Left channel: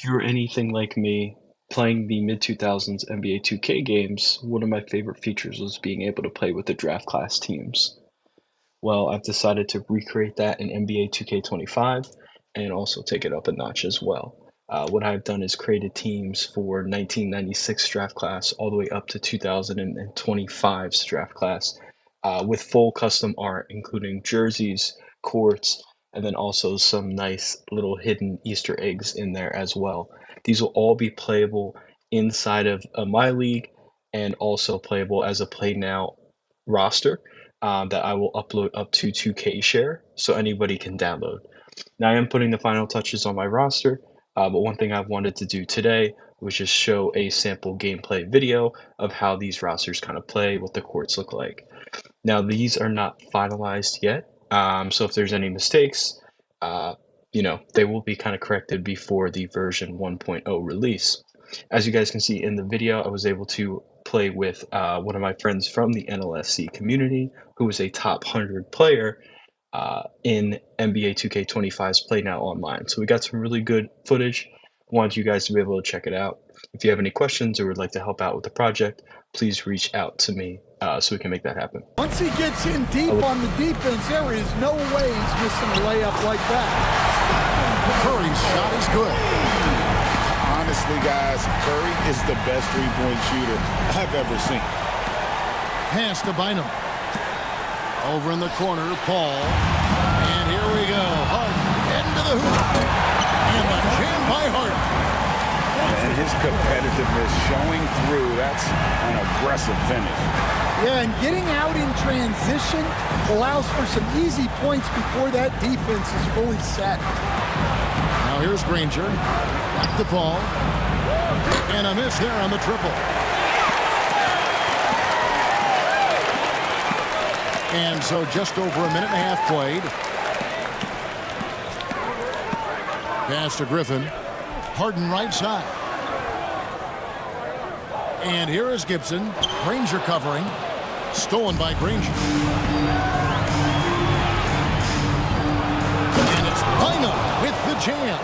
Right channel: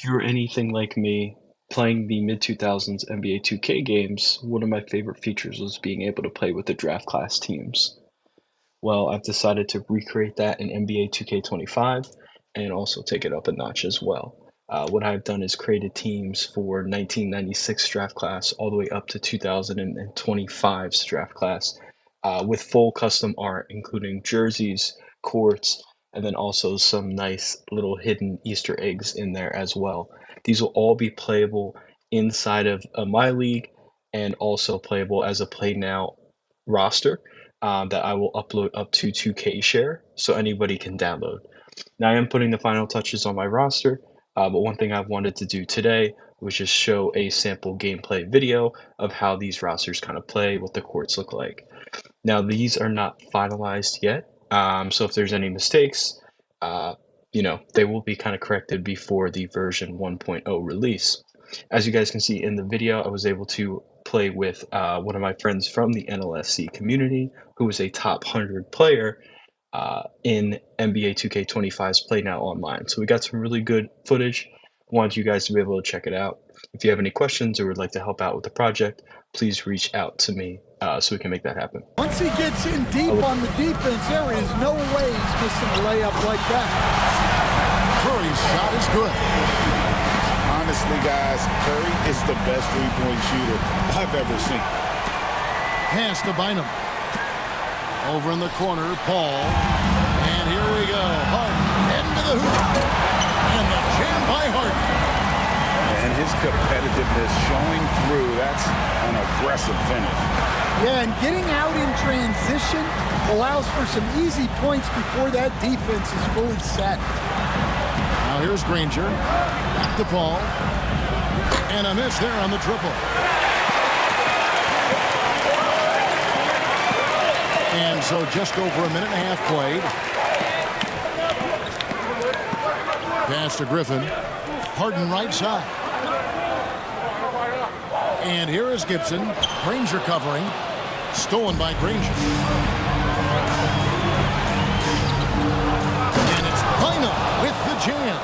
If you're anything like me, playing the mid-2000s NBA 2K games, one of my favorite features was being able to play with the draft class teams. Well, I've decided to recreate that in NBA 2K25 and also take it up a notch as well. What I've done is created teams for 1996 draft class all the way up to 2025's draft class with full custom art, including jerseys, courts, and then also some nice little hidden Easter eggs in there as well. These will all be playable inside of my league and also playable as a Play Now roster that I will upload up to 2K Share so anybody can download. Now I am putting the final touches on my roster, but one thing I've wanted to do today was just show a sample gameplay video of how these rosters kind of play, what the courts look like. Now these are not finalized yet, so if there's any mistakes, they will be kind of corrected before the version 1.0 release. As you guys can see in the video, I was able to play with one of my friends from the NLSC community, who is a top 100 player in NBA 2K25's PlayNow Online. So we got some really good footage. Want you guys to be able to check it out. If you have any questions or would like to help out with the project, please reach out to me so we can make that happen. Once he gets in deep on the defense, there is no way he's missing a layup like that. Curry's shot is good. Honestly, guys, Curry is the best three-point shooter I've ever seen. Pass to Bynum. Over in the corner, Paul. And here we go. Harden heading to the hoop. And the jam by Harden. And his competitiveness showing through. That's an aggressive finish. Yeah, and getting out in transition allows for some easy points before that defense is fully set. Now here's Granger. Back to Paul. And a miss there on the triple. And so just over a minute and a half played. Pass to Griffin. Harden right side. And here is Gibson. Granger covering. Stolen by Granger. And it's Bynum with the jam.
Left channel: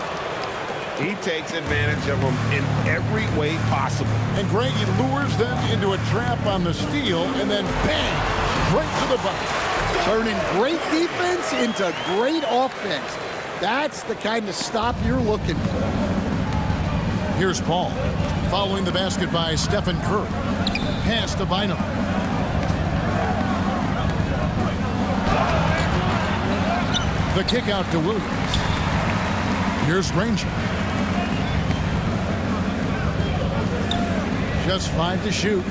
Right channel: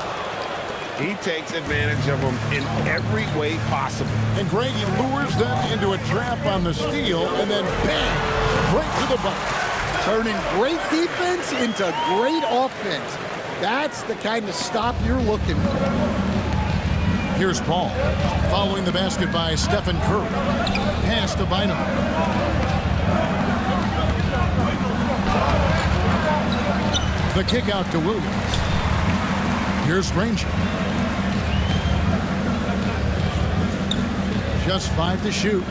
He takes advantage of them in every way possible. And Greg, he lures them into a trap on the steal, and then bang, straight to the bucket. Turning great defense into great offense. That's the kind of stop you're looking for. Here's Paul, following the basket by Stephen Curry. Pass to Bynum. The kick out to Williams. Here's Granger. Just 5 to shoot.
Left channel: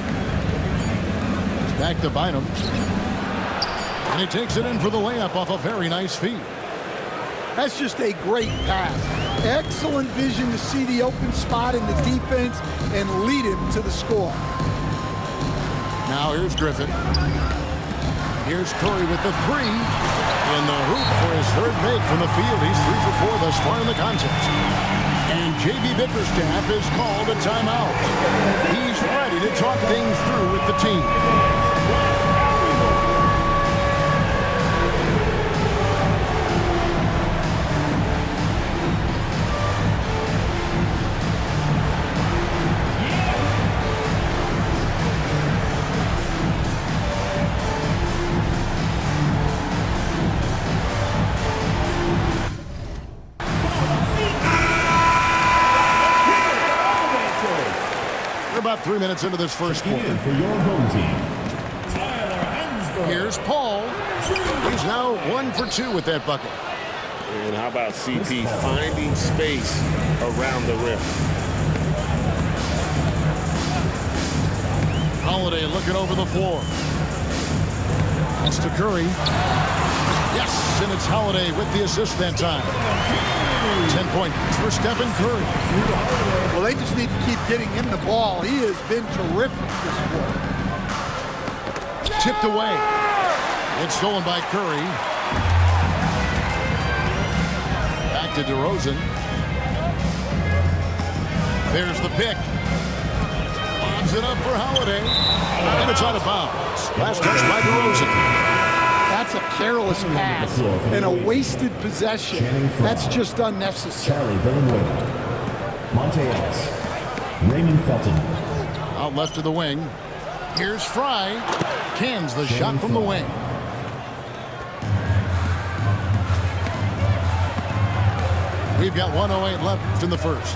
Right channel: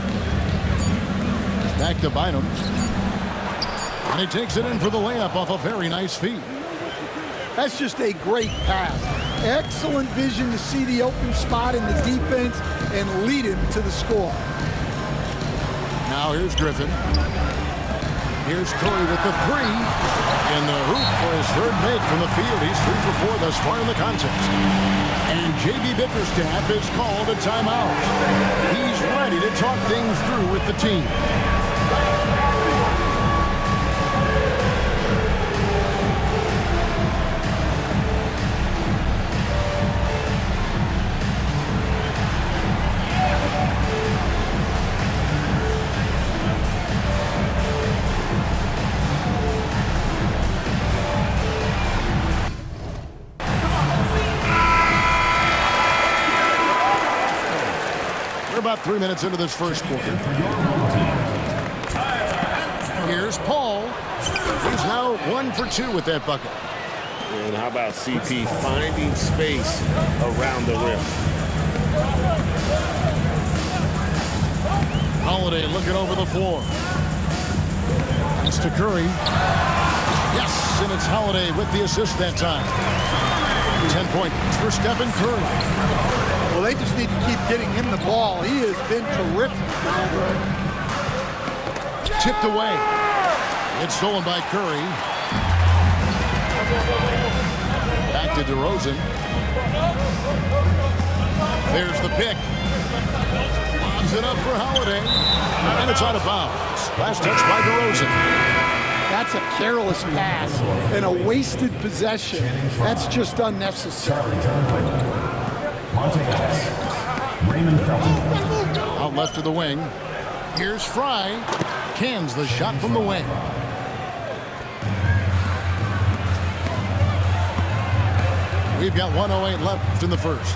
Back to Bynum. And he takes it in for the layup off a very nice feed. That's just a great pass. Excellent vision to see the open spot in the defense and lead him to the score. Now here's Griffin. Here's Curry with the three. In the hoop for his third make from the field. He's 3 for 4 thus far in the contest. And J.B. Bickerstaff has called a timeout. He's ready to talk things through with the team. About 3 minutes into this first quarter. For your home team, here's Paul. He's now 1 for 2 with that bucket. And how about CP finding space around the rim? Holiday looking over the floor. Pass to Curry. Yes, and it's Holiday with the assist that time. 10 points for Stephen Curry. Well, they just need to keep getting him the ball. He has been terrific this quarter. Tipped away. It's stolen by Curry. Back to DeRozan. There's the pick. Lobs it up for Holiday. And it's out of bounds. Last touch by DeRozan. That's a careless pass and a wasted possession. That's just unnecessary. Raymond Felton. Out left to the wing. Here's Fry. Cans the shot from the wing. We've got 1:08 left in the first.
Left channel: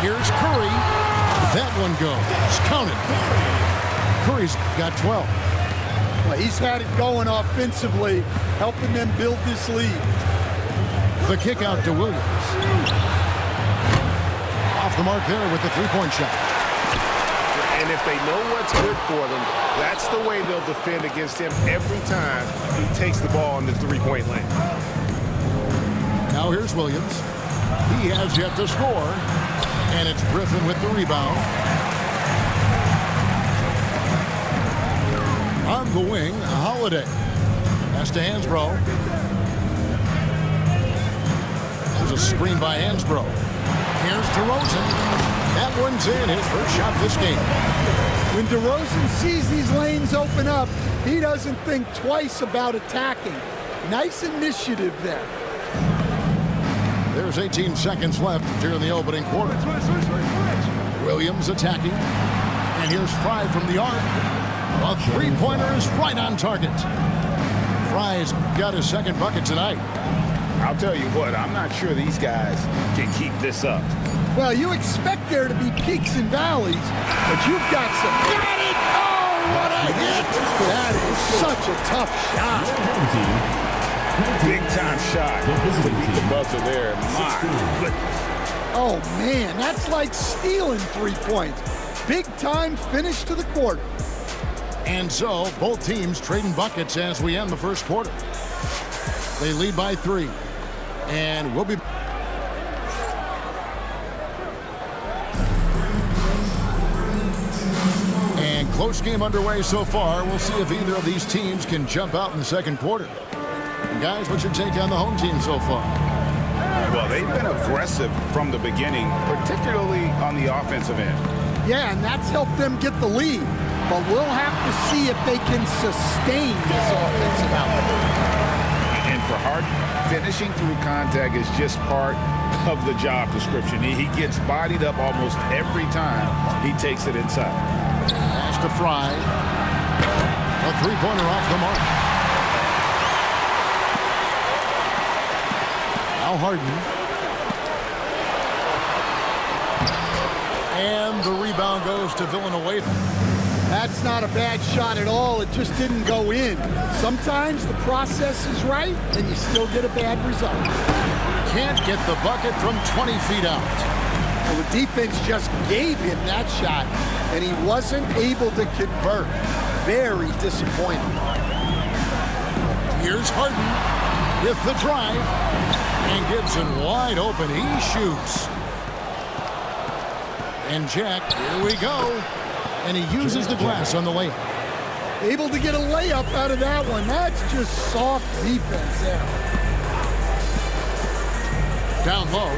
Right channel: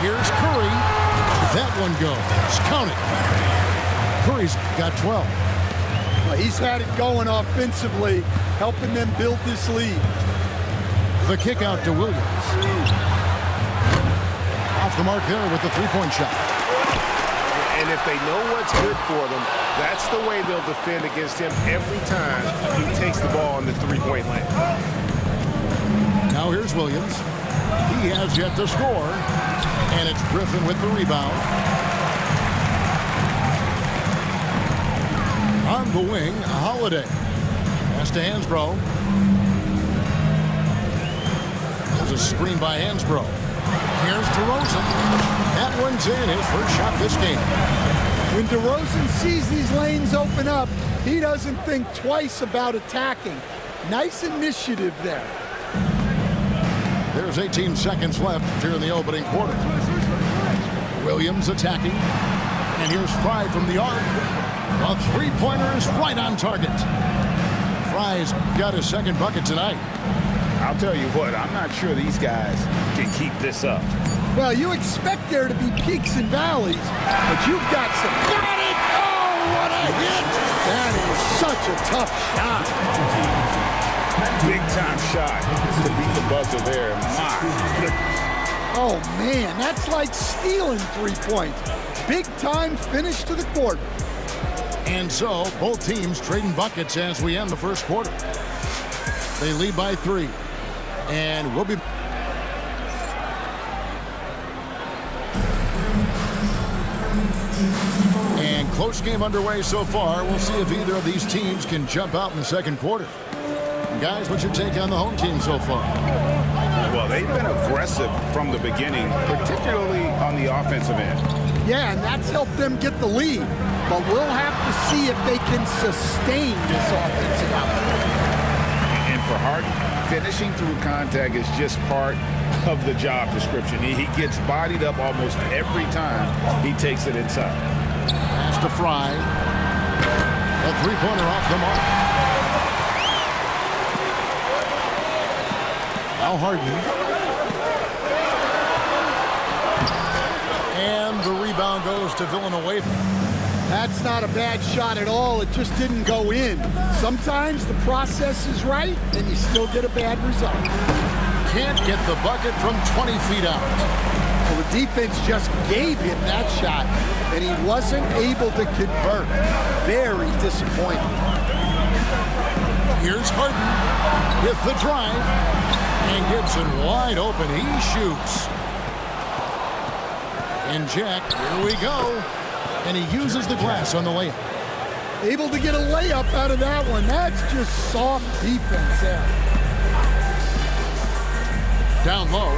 Here's Curry. That one goes. Count it. Curry's got 12. Well, he's had it going offensively, helping them build this lead. The kick out to Williams. Off the mark there with the three-point shot. And if they know what's good for them, that's the way they'll defend against him every time he takes the ball in the three-point lane. Now here's Williams. He has yet to score. And it's Griffin with the rebound. On the wing, Holiday. Pass to Hansbrough. There's a screen by Hansbrough. Here's DeRozan. That one's in, his first shot this game. When DeRozan sees these lanes open up, he doesn't think twice about attacking. Nice initiative there. There's 18 seconds left here in the opening quarter. Williams attacking. And here's Fry from the arc. A three-pointer is right on target. Fry's got his second bucket tonight. I'll tell you what, I'm not sure these guys can keep this up. Well, you expect there to be peaks and valleys, but you've got some. Got it! Oh, what a hit! That is such a tough shot. Big time shot to beat the buzzer there. My goodness. Oh, man, that's like stealing 3 points. Big time finish to the quarter. And so, both teams trading buckets as we end the first quarter. They lead by 3. And we'll be... And close game underway so far. We'll see if either of these teams can jump out in the second quarter. And guys, what's your take on the home team so far? Well, they've been aggressive from the beginning, particularly on the offensive end. Yeah, and that's helped them get the lead. But we'll have to see if they can sustain this offensive output. And for Harden, finishing through contact is just part of the job description. He gets bodied up almost every time he takes it inside. Pass to Fry. A three-pointer off the mark. Now Harden. And the rebound goes to Villanueva. That's not a bad shot at all. It just didn't go in. Sometimes the process is right, and you still get a bad result. Can't get the bucket from 20 feet out. Well, the defense just gave him that shot, and he wasn't able to convert. Very disappointing. Here's Harden with the drive. And Gibson wide open. He shoots. And Jack, here we go. And he uses the glass on the layup. Able to get a layup out of that one. That's just soft defense there. Down low.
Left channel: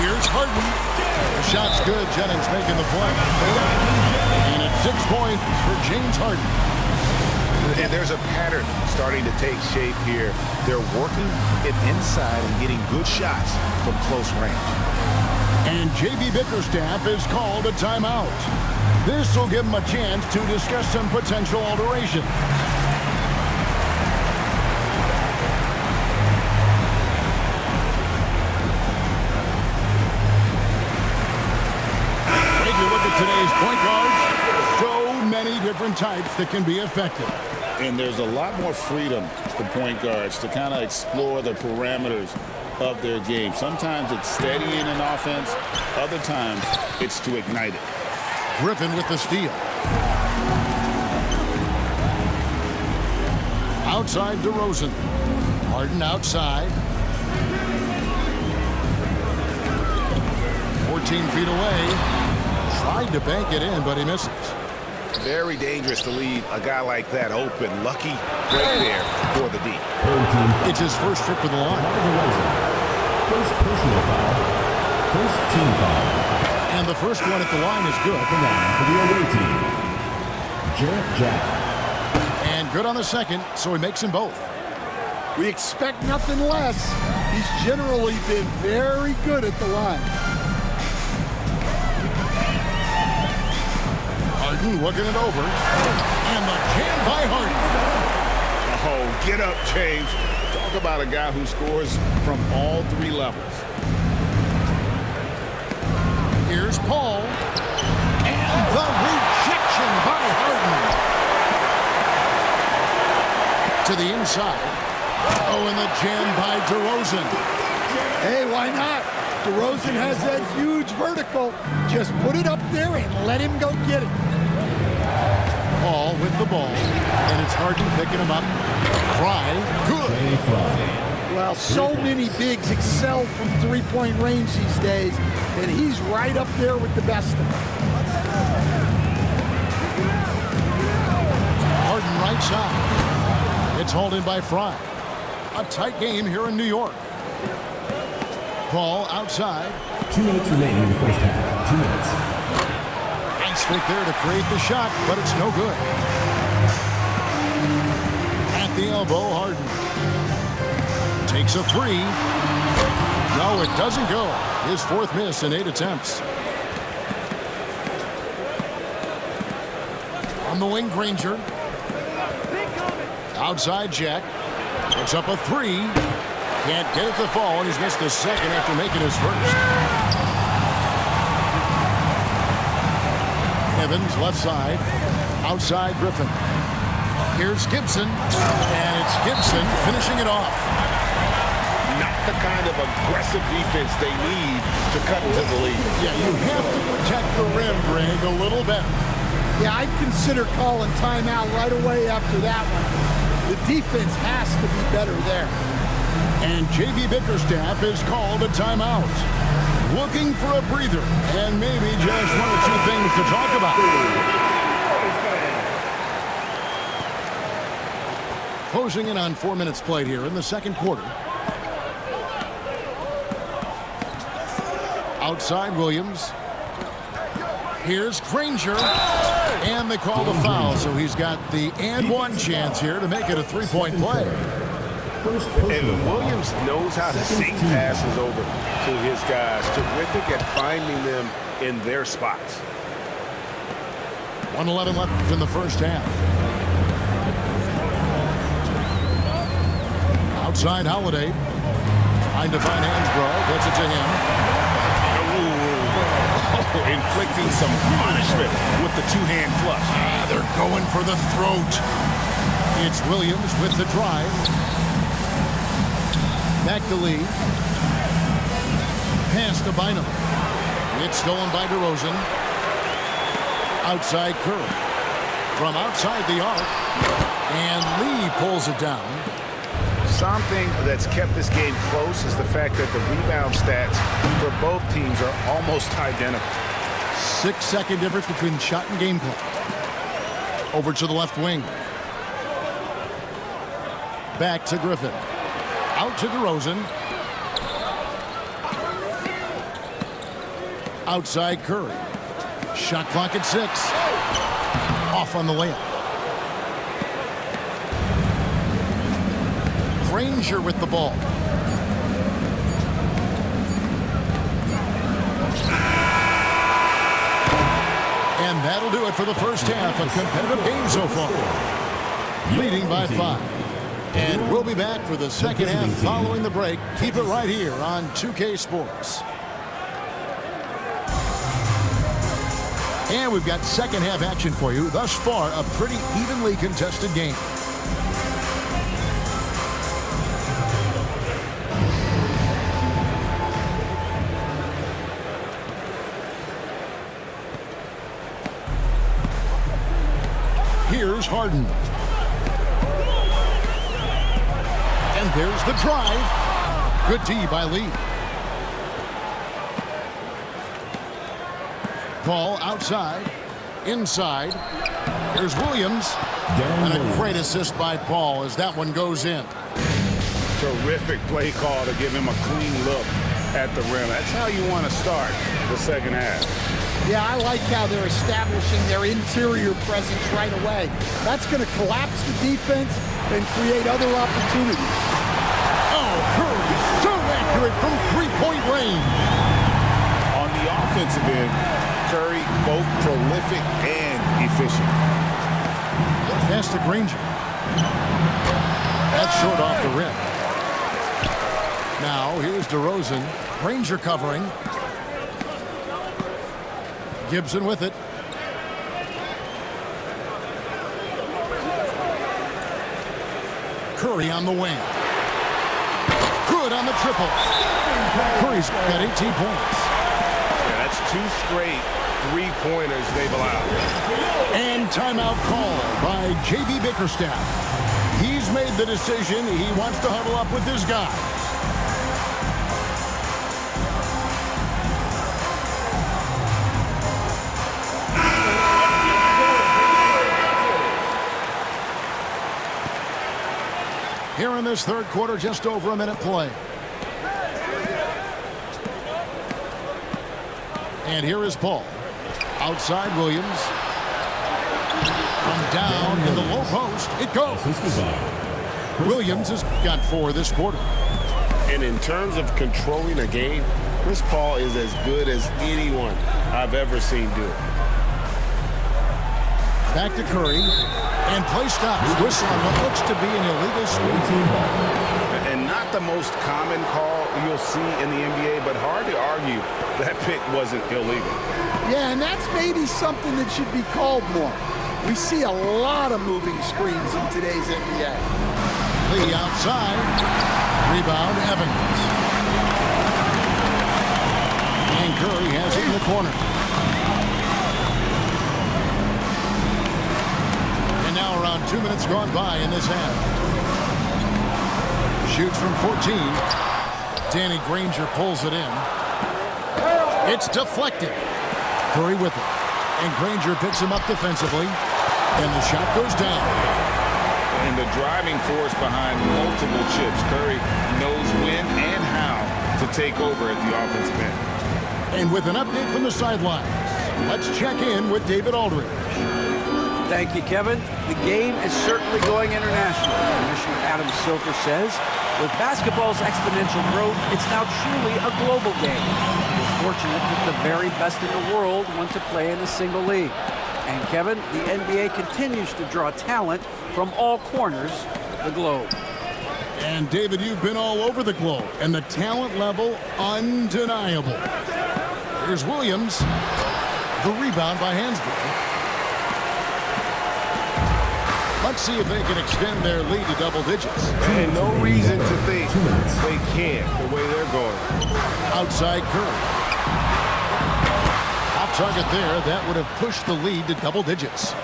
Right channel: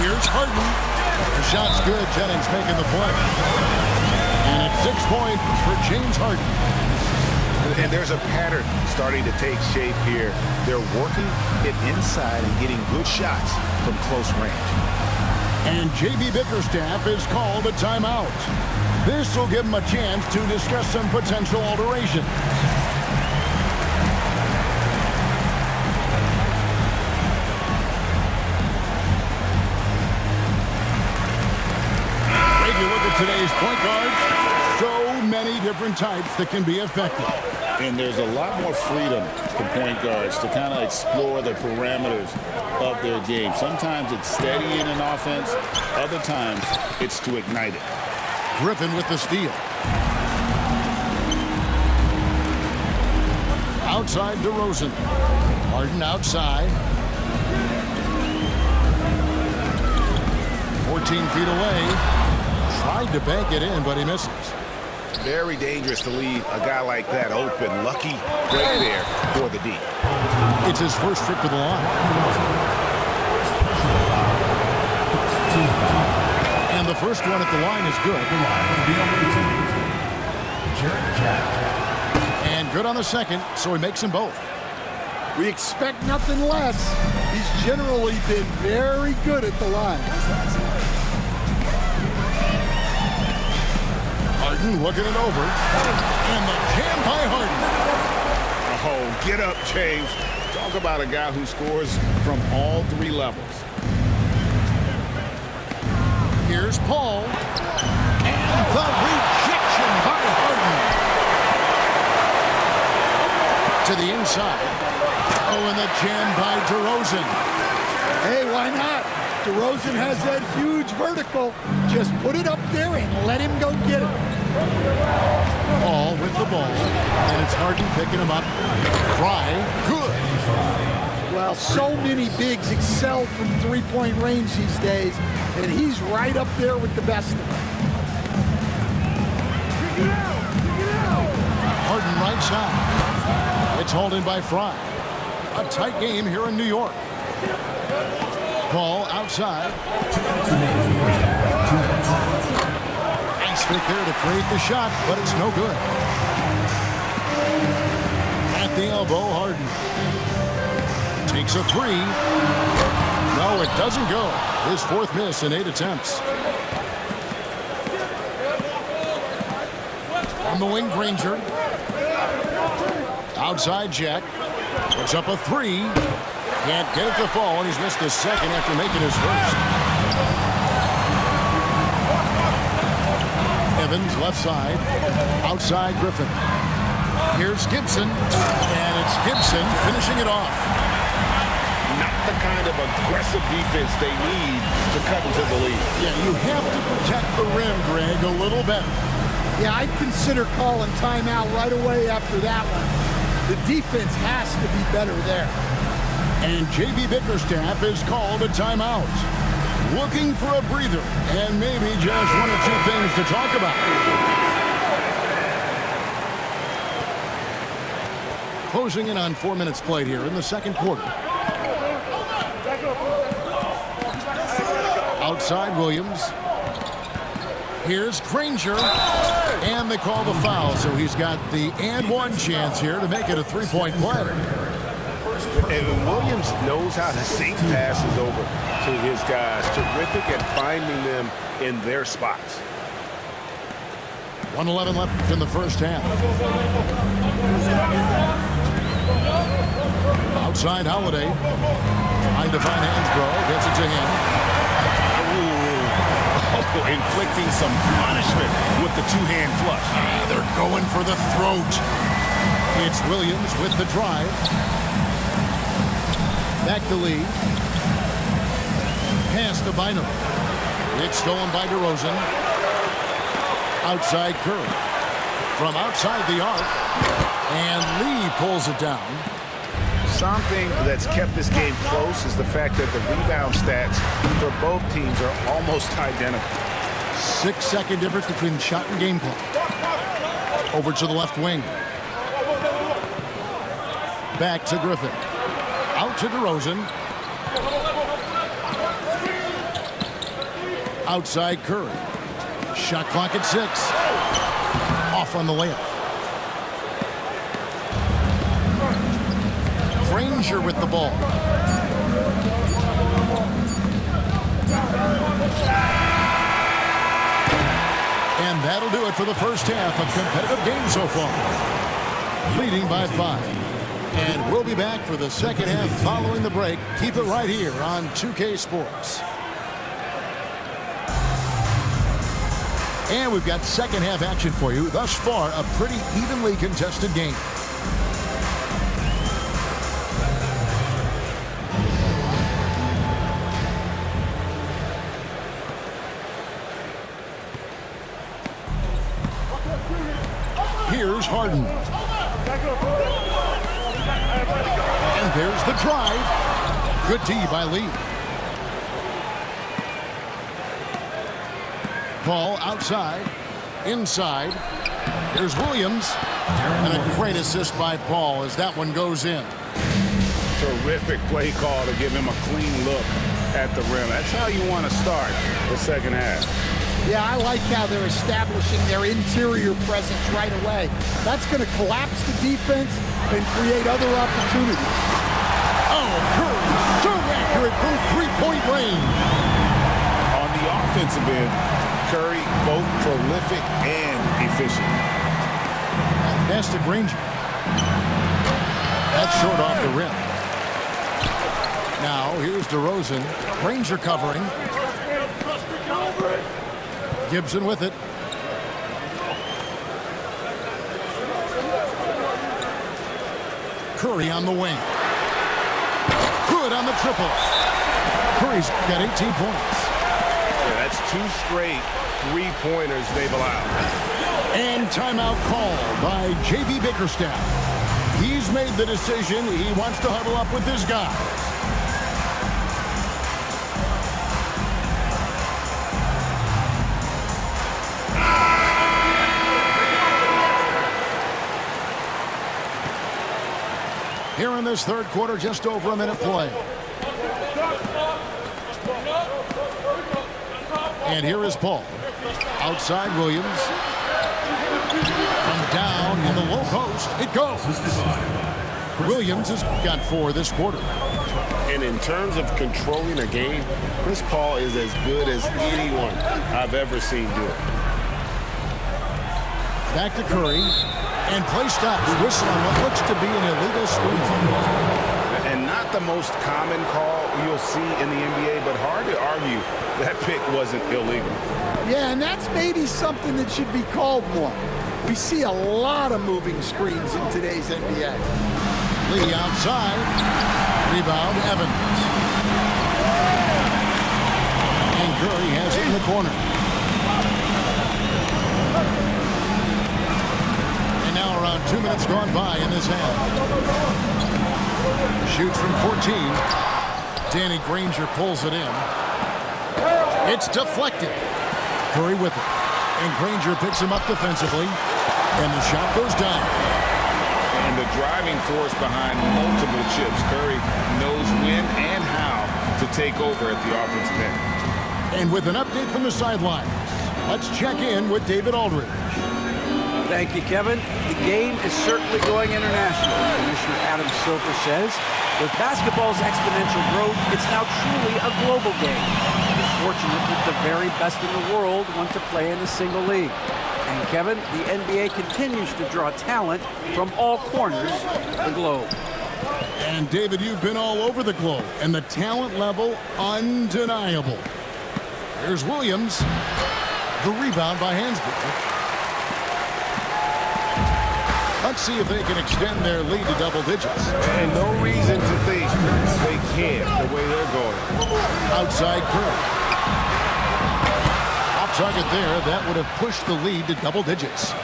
Here's Harden. The shot's good. Jennings making the play. And it's 6 points for James Harden. And there's a pattern starting to take shape here. They're working it inside and getting good shots from close range. And J.B. Bickerstaff is called a timeout. This will give him a chance to discuss some potential alterations. Great, you look at today's point guards. So many different types that can be effective. And there's a lot more freedom for point guards to kind of explore the parameters of their game. Sometimes it's steadying an offense. Other times it's to ignite it. Griffin with the steal. Outside DeRozan. Harden outside. 14 feet away. Tried to bank it in, but he misses. Very dangerous to leave a guy like that open. Lucky right there for the D. It's his first trip to the line. First personal foul. First team foul. And the first one at the line is good. The line for the away team. Jarrett Jack. And good on the second, so he makes them both. We expect nothing less. He's generally been very good at the line. Harden looking it over. And the jam by Harden. Oh, get up, James. Talk about a guy who scores from all three levels. Here's Paul. And the rejection by Harden. To the inside. Oh, and the jam by DeRozan. Hey, why not? DeRozan has that huge vertical. Just put it up there and let him go get it. Paul with the ball. And it's Harden picking him up. Fry. Good. Well, so many bigs excel from three-point range these days, and he's right up there with the best of them. Harden right side. It's hauled in by Fry. A tight game here in New York. Paul outside. 2 minutes remaining in the first half. 2 minutes. Nice fake there to create the shot, but it's no good. At the elbow, Harden. Takes a three. No, it doesn't go. His fourth miss in 8 attempts. On the wing, Granger. Outside, Jack. Puts up a three. Can't get it to fall, and he's missed the second after making his first. Evans, left side. Outside, Griffin. Here's Gibson, and it's Gibson finishing it off. Not the kind of aggressive defense they need to cut into the lead. Yeah, you have to protect the rim, Greg, a little better. Yeah, I'd consider calling timeout right away after that one. The defense has to be better there. And J.B. Bickerstaff is called a timeout. Looking for a breather and maybe just one or two things to talk about. Closing in on 4 minutes played here in the second quarter. Outside Williams. Here's Granger. And they call the foul, so he's got the and one chance here to make it a three-point play. And Williams knows how to sink passes over to his guys. Terrific at finding them in their spots. 1:11 left in the first half. Outside Holiday. Trying to find Hansbrough. Gets it to him. Oh, inflicting some punishment with the two-hand flush. They're going for the throat. It's Williams with the drive. Back to Lee. Pass to Bynum. It's stolen by DeRozan. Outside Curry. From outside the arc. And Lee pulls it down. Something that's kept this game close is the fact that the rebound stats for both teams are almost identical. 6-second difference between shot and game clock. Over to the left wing. Back to Griffin. Out to DeRozan. Outside Curry. Shot clock at 6. Off on the layup. Granger with the ball. And that'll do it for the first half of competitive game so far. Leading by 5. And we'll be back for the second half following the break. Keep it right here on 2K Sports. And we've got second half action for you. Thus far, a pretty evenly contested game. Here's Harden. And there's the drive. Good D by Lee. Paul outside. Inside. Here's Williams. And a great assist by Paul as that one goes in. Terrific play call to give him a clean look at the rim. That's how you want to start the second half. Yeah, I like how they're establishing their interior presence right away. That's going to collapse the defense and create other opportunities. Oh, Curry, so accurate from three-point range. On the offensive end, Curry, both prolific and efficient. Pass to Granger. That's short off the rim. Now here's DeRozan. Granger covering. Gibson with it. Curry on the wing. Good on the triple. Curry's got 18 points. Yeah, that's 2 straight three-pointers they've allowed. And timeout called by J.B. Bickerstaff. He's made the decision. He wants to huddle up with his guys. Here in this third quarter, just over a minute play. And here is Paul. Outside Williams. From down in the low post, it goes. Williams has got 4 this quarter. And in terms of controlling a game, Chris Paul is as good as anyone I've ever seen do it. Back to Curry. And play stops. Whistle on what looks to be an illegal screen. And not the most common call you'll see in the NBA, but hard to argue that pick wasn't illegal. Yeah, and that's maybe something that should be called more. We see a lot of moving screens in today's NBA. Lee outside. Rebound, Evans. And Curry has it in the corner. And now around 2 minutes gone by in this half. Shoots from 14. Danny Granger pulls it in. It's deflected. Curry with it. And Granger picks him up defensively. And the shot goes down. And the driving force behind multiple chips. Curry knows when and how to take over at the offensive end. And with an update from the sidelines, let's check in with David Aldridge. Thank you, Kevin. The game is certainly going international. Commissioner Adam Silver says, with basketball's exponential growth, it's now truly a global game. We're fortunate that the very best in the world want to play in a single league. And Kevin, the NBA continues to draw talent from all corners of the globe. And David, you've been all over the globe, and the talent level undeniable. Here's Williams. The rebound by Hansbrough. Let's see if they can extend their lead to double digits. And no reason to think they can't the way they're going. Outside Curry. Off target there. That would have pushed the lead to double digits.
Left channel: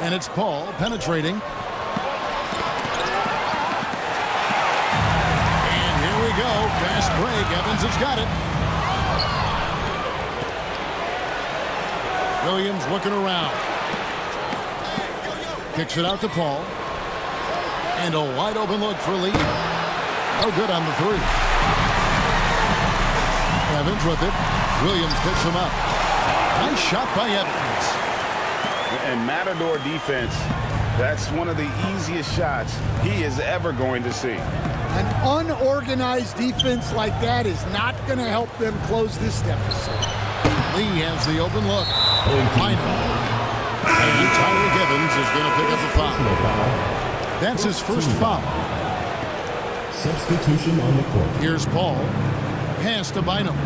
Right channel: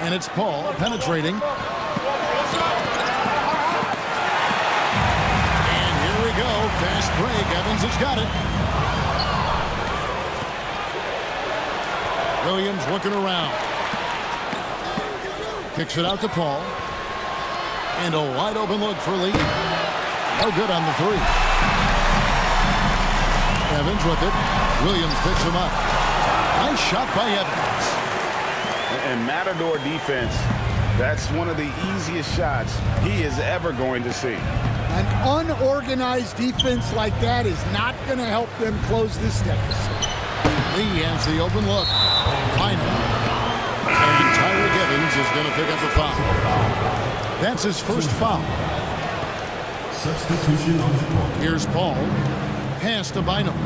And it's Paul penetrating. And here we go. Fast break. Evans has got it. Williams looking around. Kicks it out to Paul. And a wide open look for Lee. No good on the 3. Evans with it. Williams picks him up. Nice shot by Evans. And Matador defense, that's one of the easiest shots he is ever going to see. An unorganized defense like that is not going to help them close this deficit. Lee has the open look. Bynum. And Tyreek Evans is going to pick up a foul. That's his first foul. Substitution on the court. Here's Paul. Pass to Bynum.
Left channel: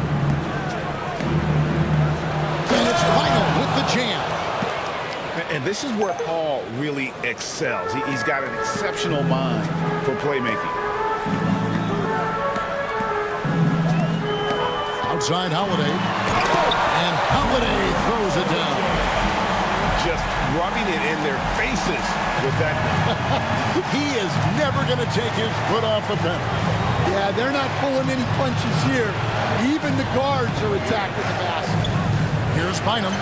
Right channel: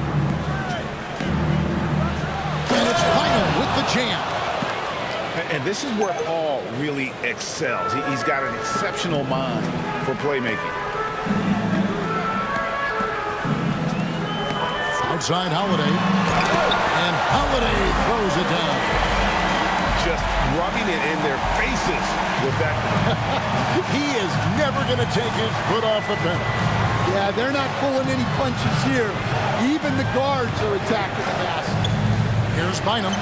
And it's Bynum with the jam. And this is where Paul really excels. He's got an exceptional mind for playmaking. Outside Holiday. And Holiday throws it down. Just rubbing it in their faces with that. He is never going to take his foot off the pedal. Yeah, they're not pulling any punches here. Even the guards are attacking the basket. Here's Bynum.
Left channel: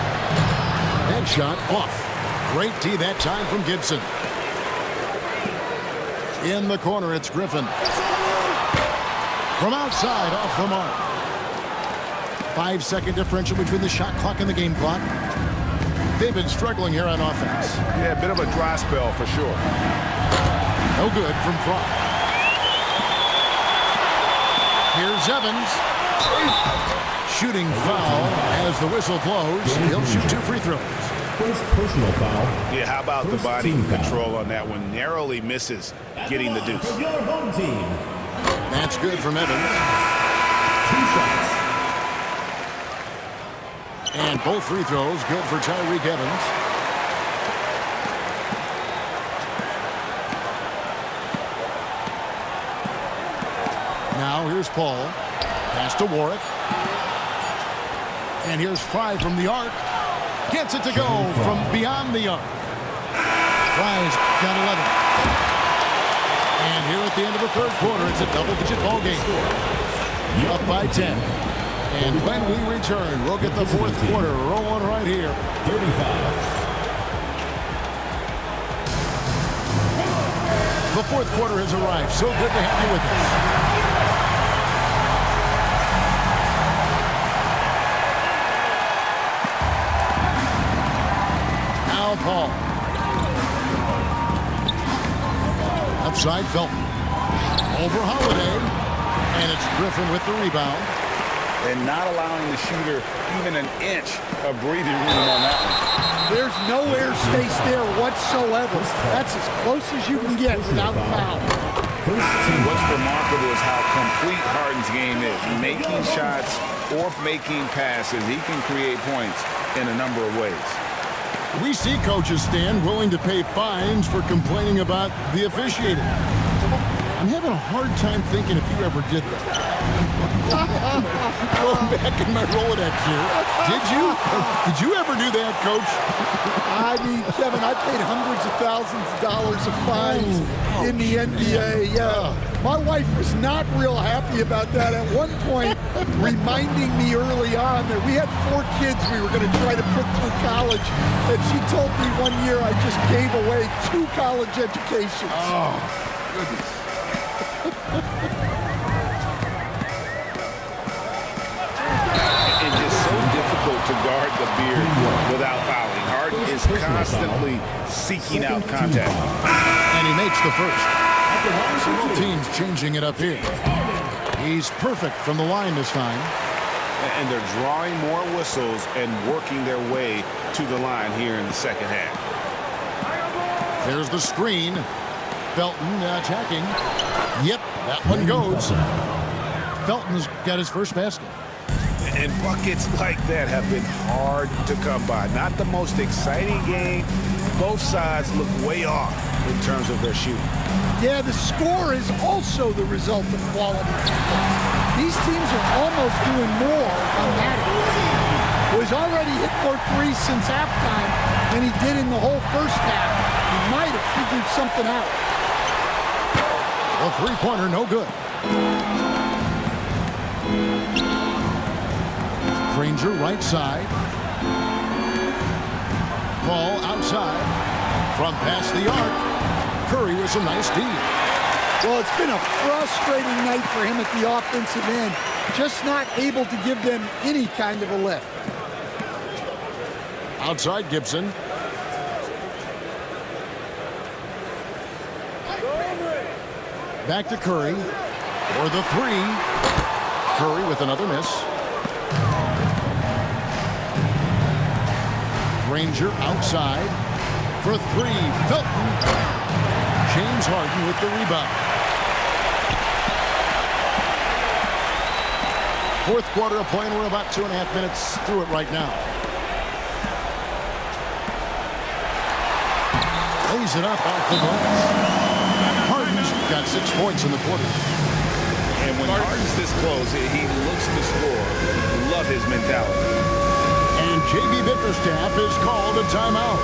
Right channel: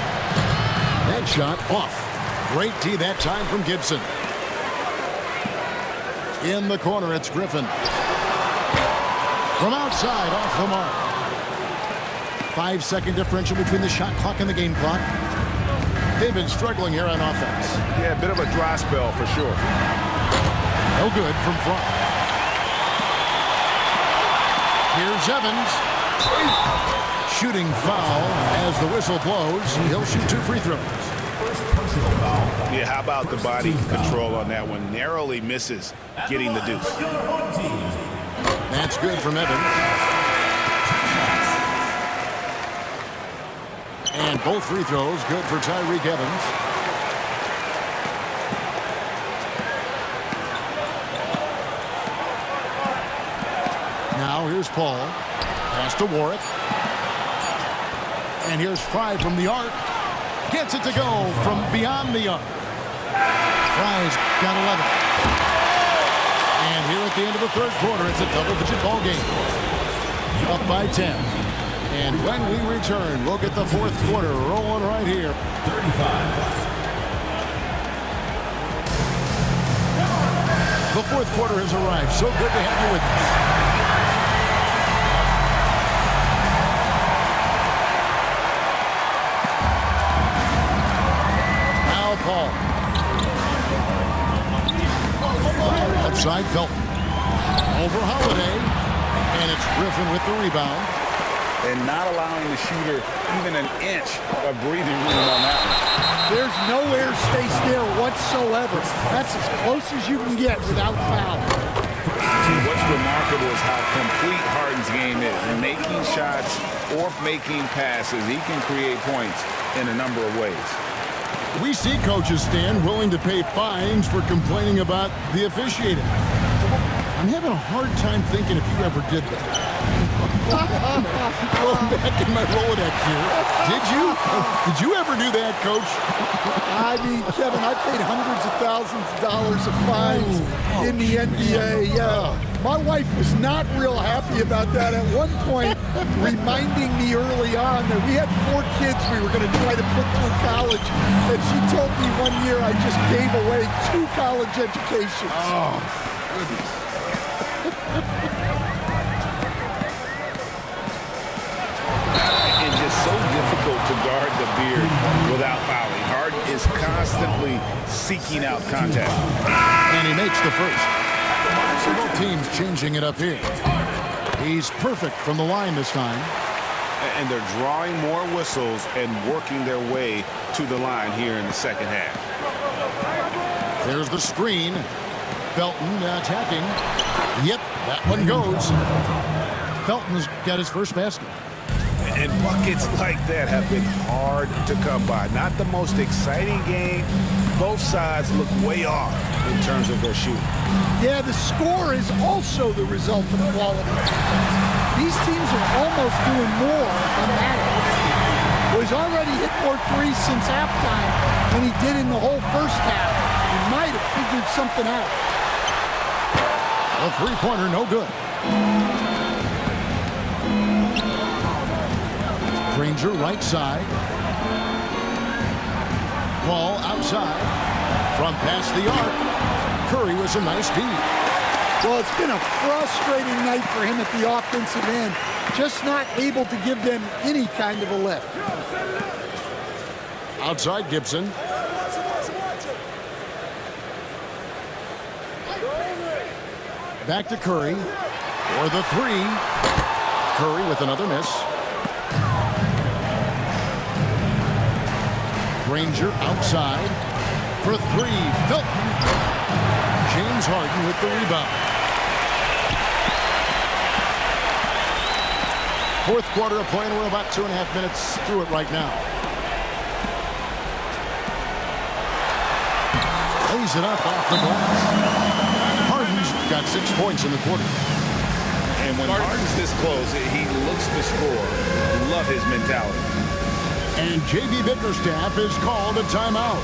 That shot off. Great D that time from Gibson. In the corner, it's Griffin. From outside, off the mark. 5-second differential between the shot clock and the game clock. They've been struggling here on offense. Yeah, a bit of a dry spell for sure. No good from Fromm. Here's Evans. shooting foul as the whistle blows. He'll shoot 2 free throws. First personal foul. Yeah, how about the First body team foul. control on that one? Narrowly misses getting the deuce. For your home team. That's good from Evans. 2 shots. And both free throws good for Tyreke Evans. Now here's Paul. Pass to Warwick. And here's Fry from the arc. Gets it to go from beyond the arc. Fry's got 11. And here at the end of the third quarter, it's a double-digit ball game. Up by 10. And when we return, we'll get the fourth quarter rolling right here. 35. The fourth quarter has arrived. So good to have you with us. Now Paul. Upside Felton. Over Holiday. And it's Griffin with the rebound. And not allowing the shooter even an inch of breathing room on that one. There's no air space there whatsoever. That's as close as you can get without foul. See, what's remarkable is how complete Harden's game is. Making shots or making passes, he can create points in a number of ways. We see coaches, Stan, willing to pay fines for complaining about the officiating. I'm having a hard time thinking if you ever did that. Going back in my Rolodex here. Did you? Did you ever do that, Coach? I mean, Kevin, I paid hundreds of thousands of dollars of fines in the NBA. Yeah. My wife was not real happy about that at one point, reminding me early on that we had 4 kids we were going to try to put through college. And she told me one year I just gave away 2 college educations. Oh, goodness. And just so difficult to guard the beard without fouling. Harden is constantly seeking out contact. And he makes the first. Several teams changing it up here. He's perfect from the line this time. And they're drawing more whistles and working their way to the line here in the second half. There's the screen. Felton attacking. Yep, that one goes. Felton's got his first basket. And buckets like that have been hard to come by. Not the most exciting game. Both sides look way off in terms of their shooting. Yeah, the score is also the result of quality defense. These teams are almost doing more on that end. Well, he's already hit more threes since halftime than he did in the whole first half. He might have figured something out. A three-pointer, no good. Granger right side. Paul outside. From past the arc. Curry with some nice D. Well, it's been a frustrating night for him at the offensive end. Just not able to give them any kind of a lift. Outside Gibson. Back to Curry. For the three. Curry with another miss. Granger outside. For three. Felton. James Harden with the rebound. Fourth quarter of play, and we're about 2.5 minutes through it right now. Lays it up off the glass. Harden's got 6 points in the quarter. And when Harden's this close, he looks to score. Love his mentality. And J.B. Bickerstaff has called a timeout.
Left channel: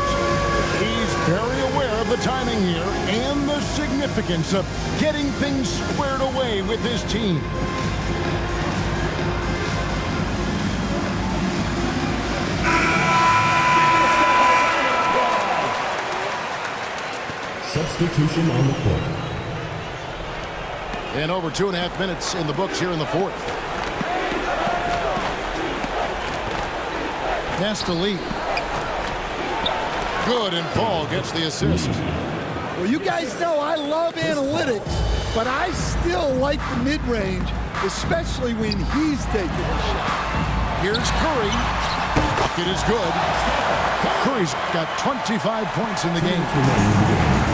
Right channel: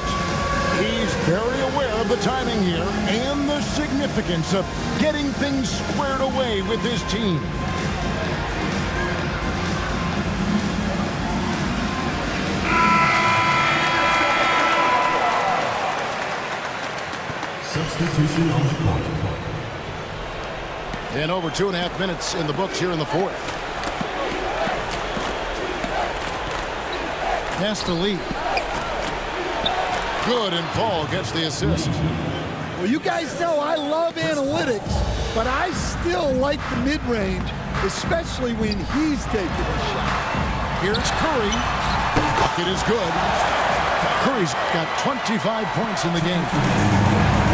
He's very aware of the timing here and the significance of getting things squared away with his team. Substitution on the court. And over 2.5 minutes in the books here in the fourth. Pass to Lee. Good, and Paul gets the assist. Well, you guys know I love analytics, but I still like the mid-range, especially when he's taking a shot. Here's Curry. Bucket is good. Curry's got 25 points in the game.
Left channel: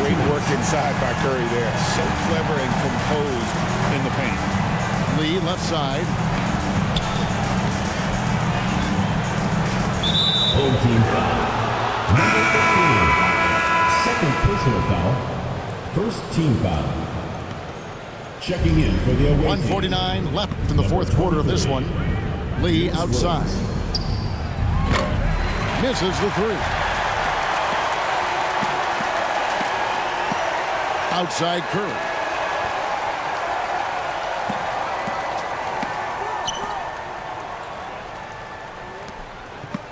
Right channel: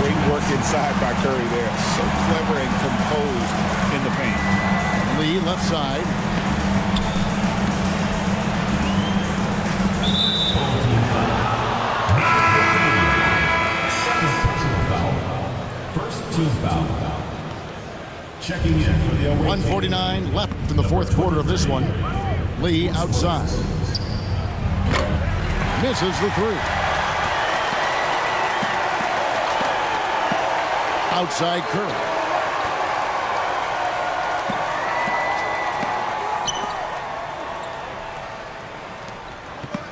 Great work inside by Curry there. So clever and composed in the paint. Lee, left side. Home team foul. Number 15. Second personal foul. First team foul. Checking in for the away 1:49 left in the fourth quarter of this one. Lee outside. Misses the three. Outside Curry.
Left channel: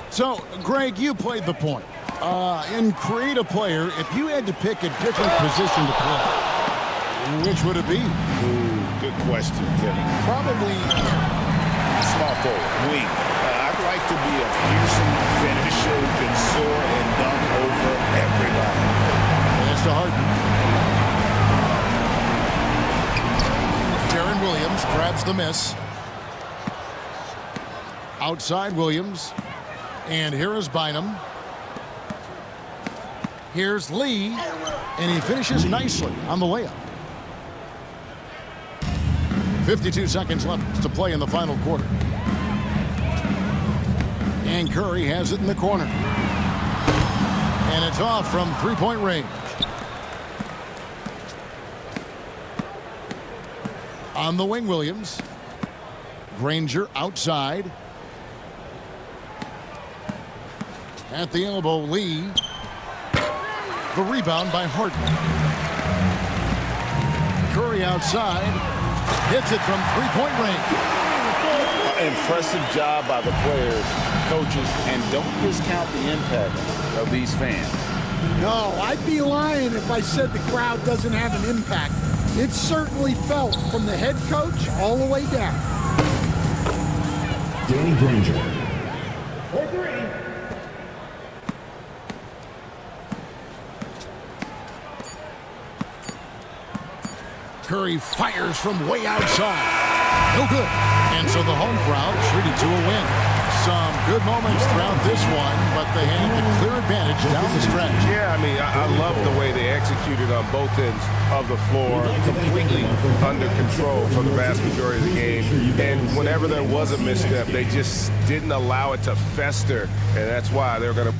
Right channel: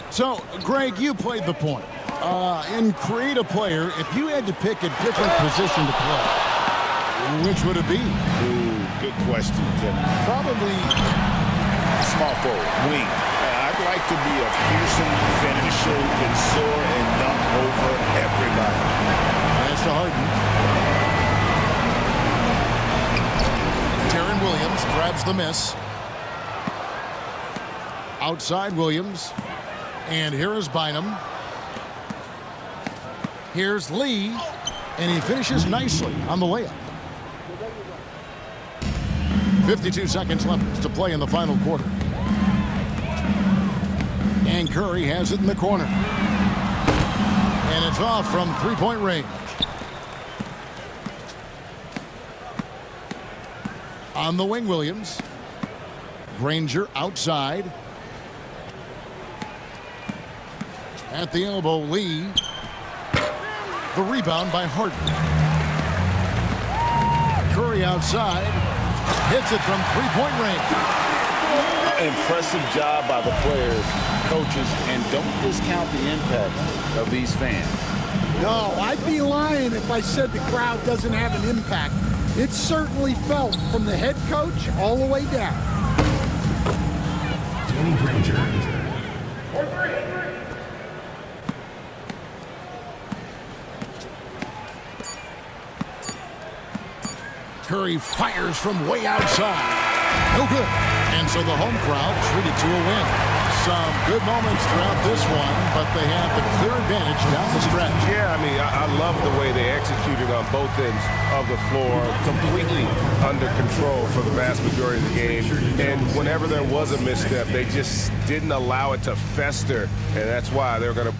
So, Greg, you played the point. In Create a Player, if you had to pick a different position to play, which would it be? Ooh, good question, Kevin. Probably small forward, wing. I'd like to be a fearsome finisher who can soar and dunk over everybody. Pass to Harden. Darren Williams grabs the miss. Outside Williams. And here is Bynum. Here's Lee. And he finishes nicely on the layup. 52 seconds left to play in the final quarter. And Curry has it in the corner. And it's off from three-point range. On the wing, Williams. Granger outside. At the elbow, Lee. The rebound by Harden. Curry outside. Hits it from three-point range. Impressive job by the players, coaches, and don't discount the impact of these fans. No, I'd be lying if I said the crowd doesn't have an impact. It's certainly felt from the head coach all the way down. Danny Granger. For three. Curry fires from way outside. No good. And so the home crowd treated to a win. Some good moments throughout this one, but they had the clear advantage down the stretch. Yeah, I mean, I love the way they executed on both ends of the floor, completely under control for the vast majority of the game. And whenever there was a misstep, they just didn't allow it to fester, and that's why they're going to